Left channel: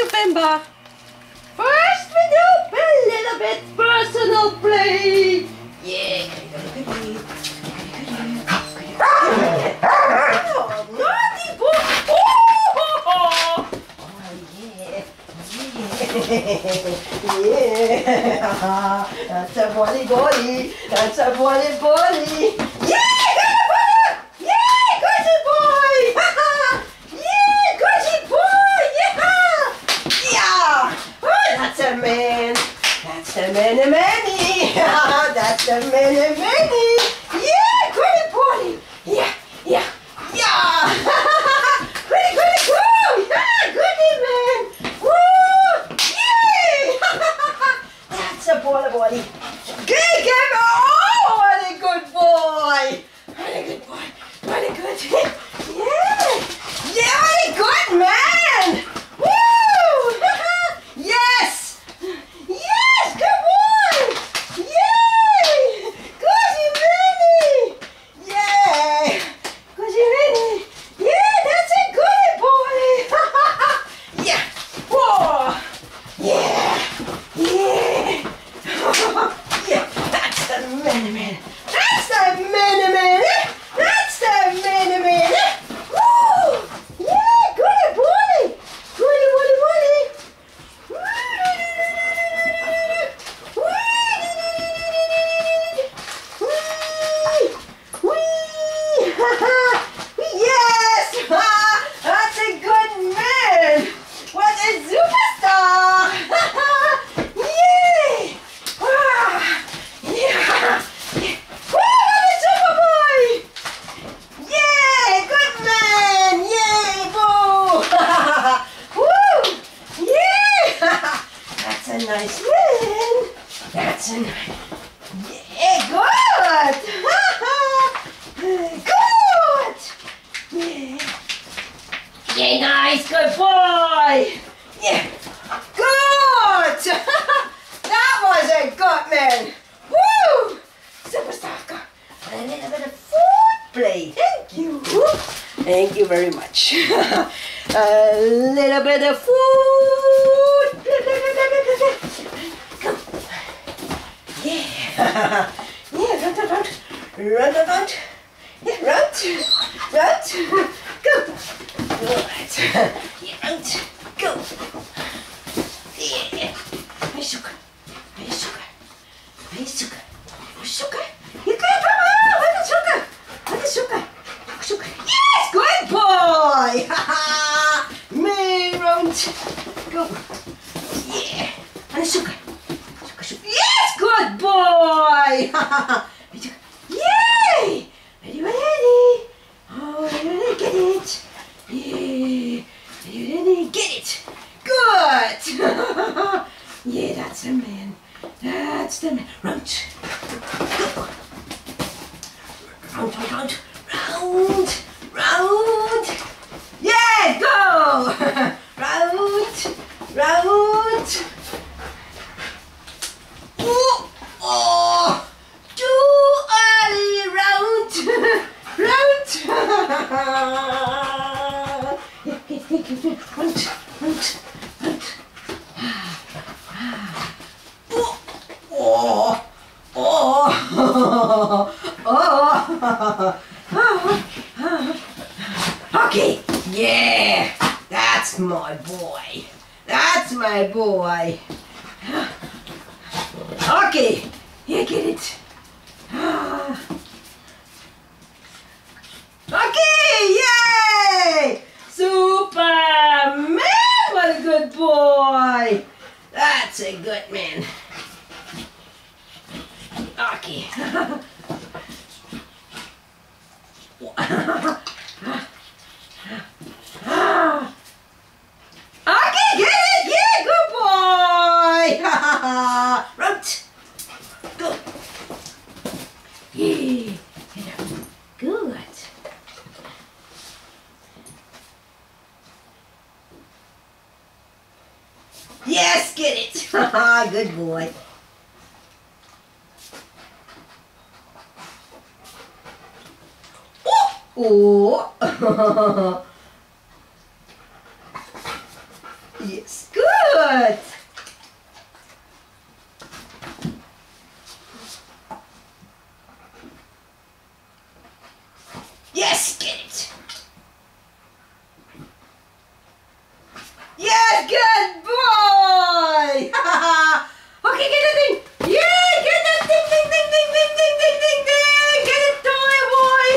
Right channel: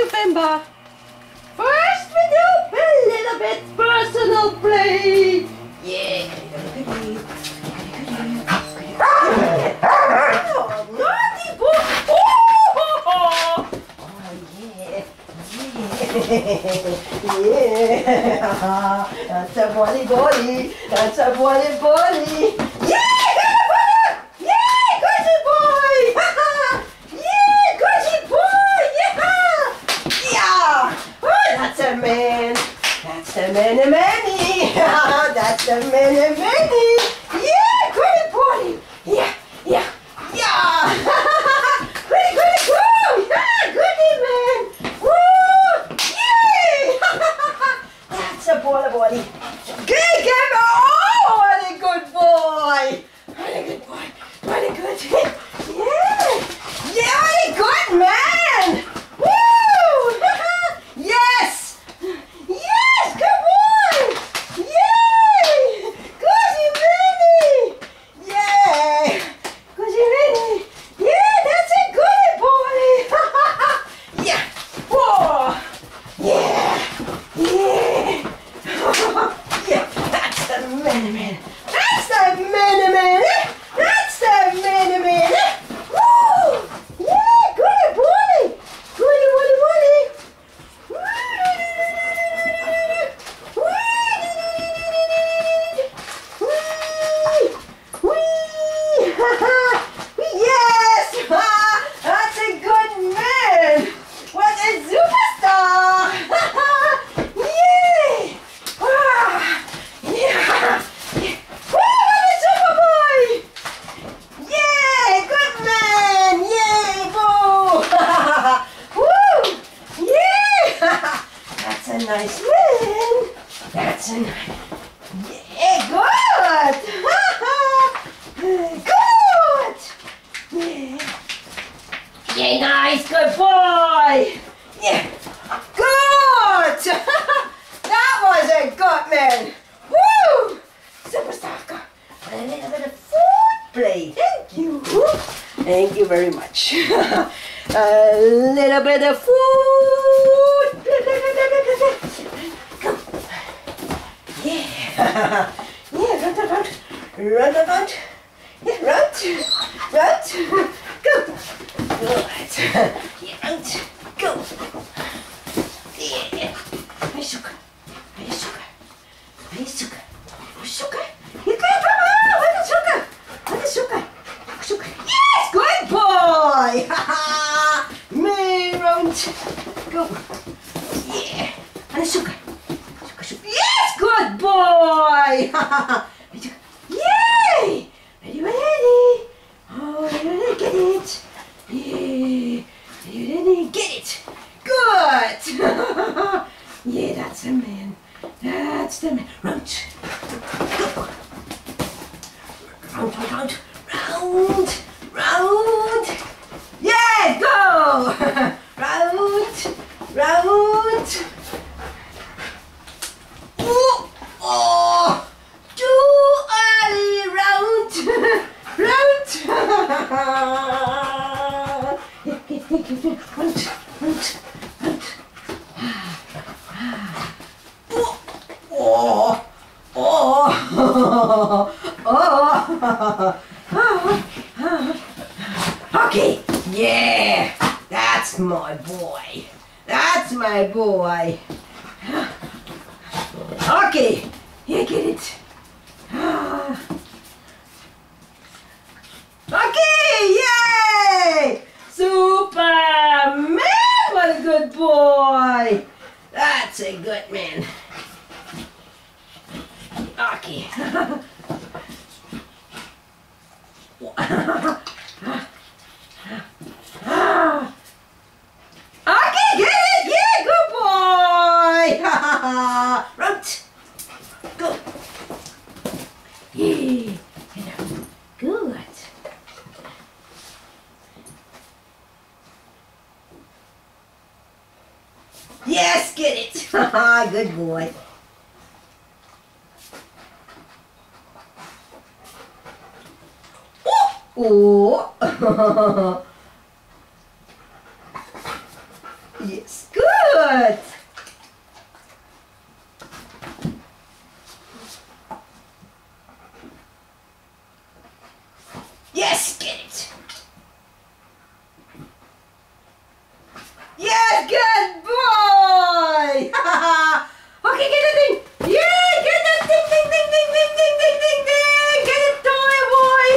you, Bimba. First we do a little bit personal play. Yeah. Oh, naughty boy. Oh, yeah. Yeah. That's a bully bully. That's a bully bully. Yeah, good boy. Yeah, good boy. Yeah. Oh, that's a man. That's a many. That's a many. Yeah, good boy. Yeah. Goody, go. Yeah, goody man. Woo! Yay! That's a bully. Good game. Oh, what a good boy. What a good boy. What a good. Yeah, what a good man. Woo! Yes, good boy. Yay! Goody Minnie. Yay! Goody Minnie. Yeah, that's a good boy. Yeah. Whoa. Yeah. Yeah, that's the man. That's the man. That's the man. Woo! Yeah, goody boy. Goody. Yes! That's a good man! What a superstar! Yay! Yeah! Woo! What a super boy! Yay! Good man! Yay! Boo! Woo! Yeah! That's a nice man! That's a nice... Yeah, good! Good! Yeah, nice, good boy! Yeah, good! That was a good man! Woo! Superstar, a little bit of food play. Thank you. Thank you very much. A little bit of food. Come. Yeah. Run around. Yeah, round. Go. Good. Yeah, round. Go. Yeah. Hey, sugar. You can't come out. What is sugar? Yes, good boy. Me round. Go. Yeah. And sugar. Yes, good boy. Yay! Ready? Oh, ready? Get it? Yeah. Ready? Get it? Good! Yeah, that's the man. That's the man. Round. Go. Round. Yeah, go! Round. Oh! Too early. Round. Okay, yeah, that's my boy. Okay, here, get it. Okay, yay! Superman, what a good boy. That's a good man. Okay. Okay, get it! Yeah, good boy! Right. Go. Yeah. Good. Yes, get it! Good boy. Oh! Yeah. Yes, good. Yes, get it. Yes, good boy. Okay, get the thing. Yeah, get that ding, ding, ding, ding, ding, ding, ding, ding, ding. Get it, toy boy.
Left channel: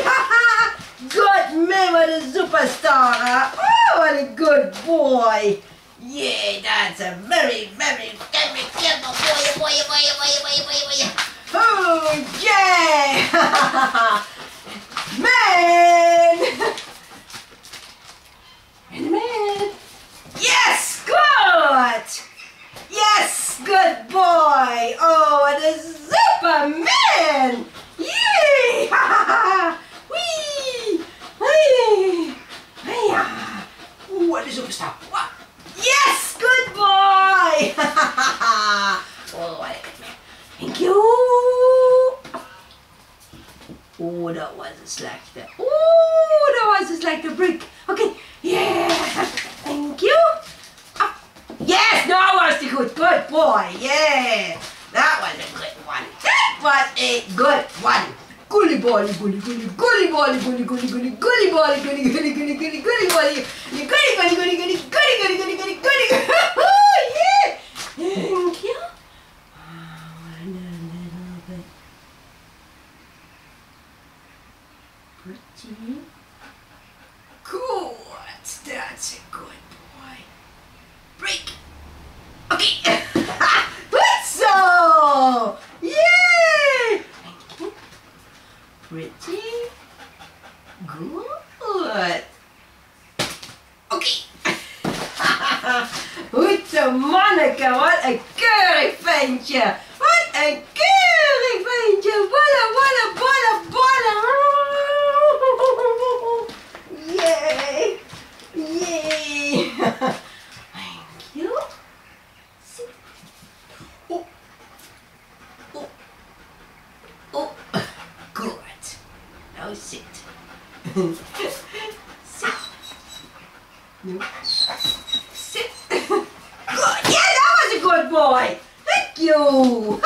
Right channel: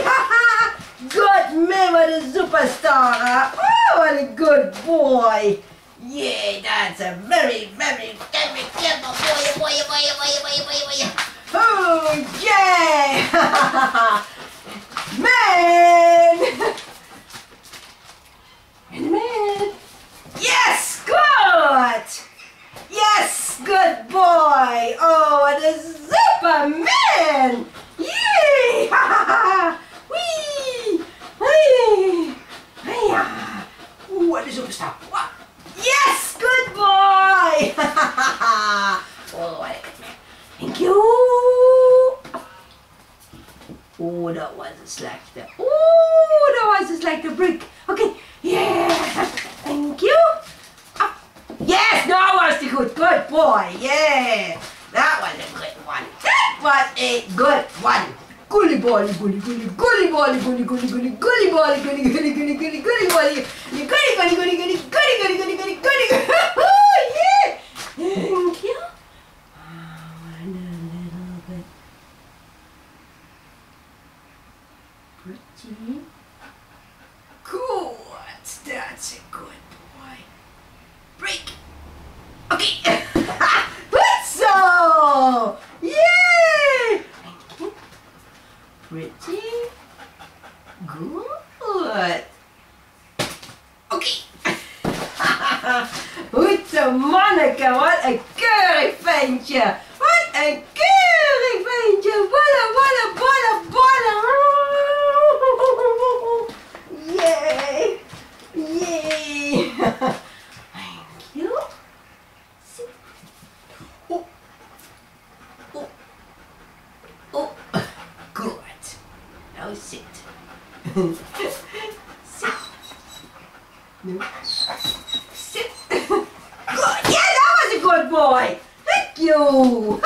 Good man, what a superstar. Oh, what a good boy. Yeah, that's a very, very, very clever boy. Oh, yeah. Man. And man. Yes, good. Yes, good boy. Oh, what a Superman. Yay. Whee. Whee. Hiya. Ooh, what a superstar. What? Yes, good boy. Oh, what a good man. Thank you. Oh, that was just like the. Oh, that was just like the brick. Okay, yeah. Thank you. Up. Yes, that was the good boy. Yeah, that was a good one. That was a good one. Gully boy, gully boy, gully boy, gully boy, gully boy, gully boy, gully. Oh yeah. Thank you. And a little bit. Pretty good. That's a good boy. Break. Okay. Good so. Yay. Pretty good. Okay. Goed zo, Monica. Wat een keurig ventje. Wat een keurig ventje. Bolle, bolle, bolle, bolle. Yay. Yay. Thank you. Sit. Oh. Oh. Oh. Good. Now sit. Sit. No. Sit. Good. Yeah, that was a good boy. Thank you.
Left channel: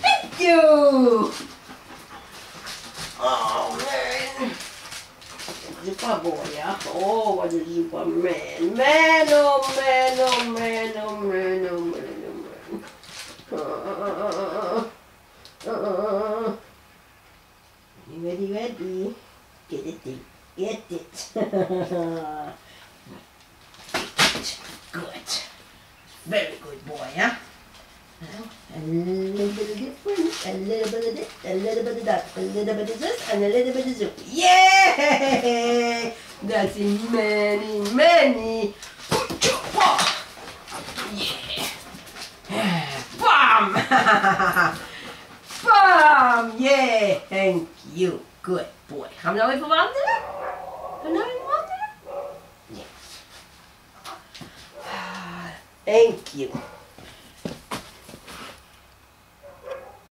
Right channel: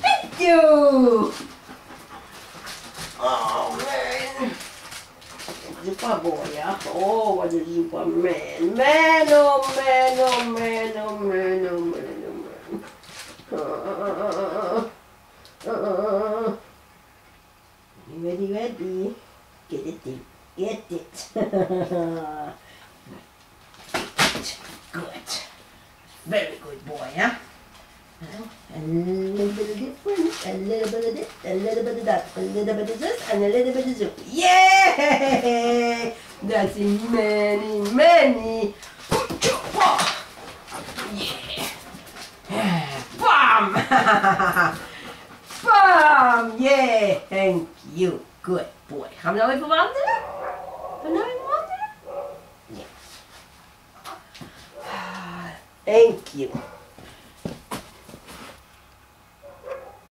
Thank you. Oh, man. Super boy, yeah. Oh, what a super man. Man, oh, man, oh, man, oh, man, oh, man, oh, man. Ready. Get it. Get it. Good. Very good boy, huh? Now, a little bit of different, a little bit of this, a little bit of that, a little bit of this, and a little bit of this. Yay! That's many. Yeah. Bam! Bam! Yeah! Thank you. Good boy. Gaan we nou even wandelen? Ja. Thank you.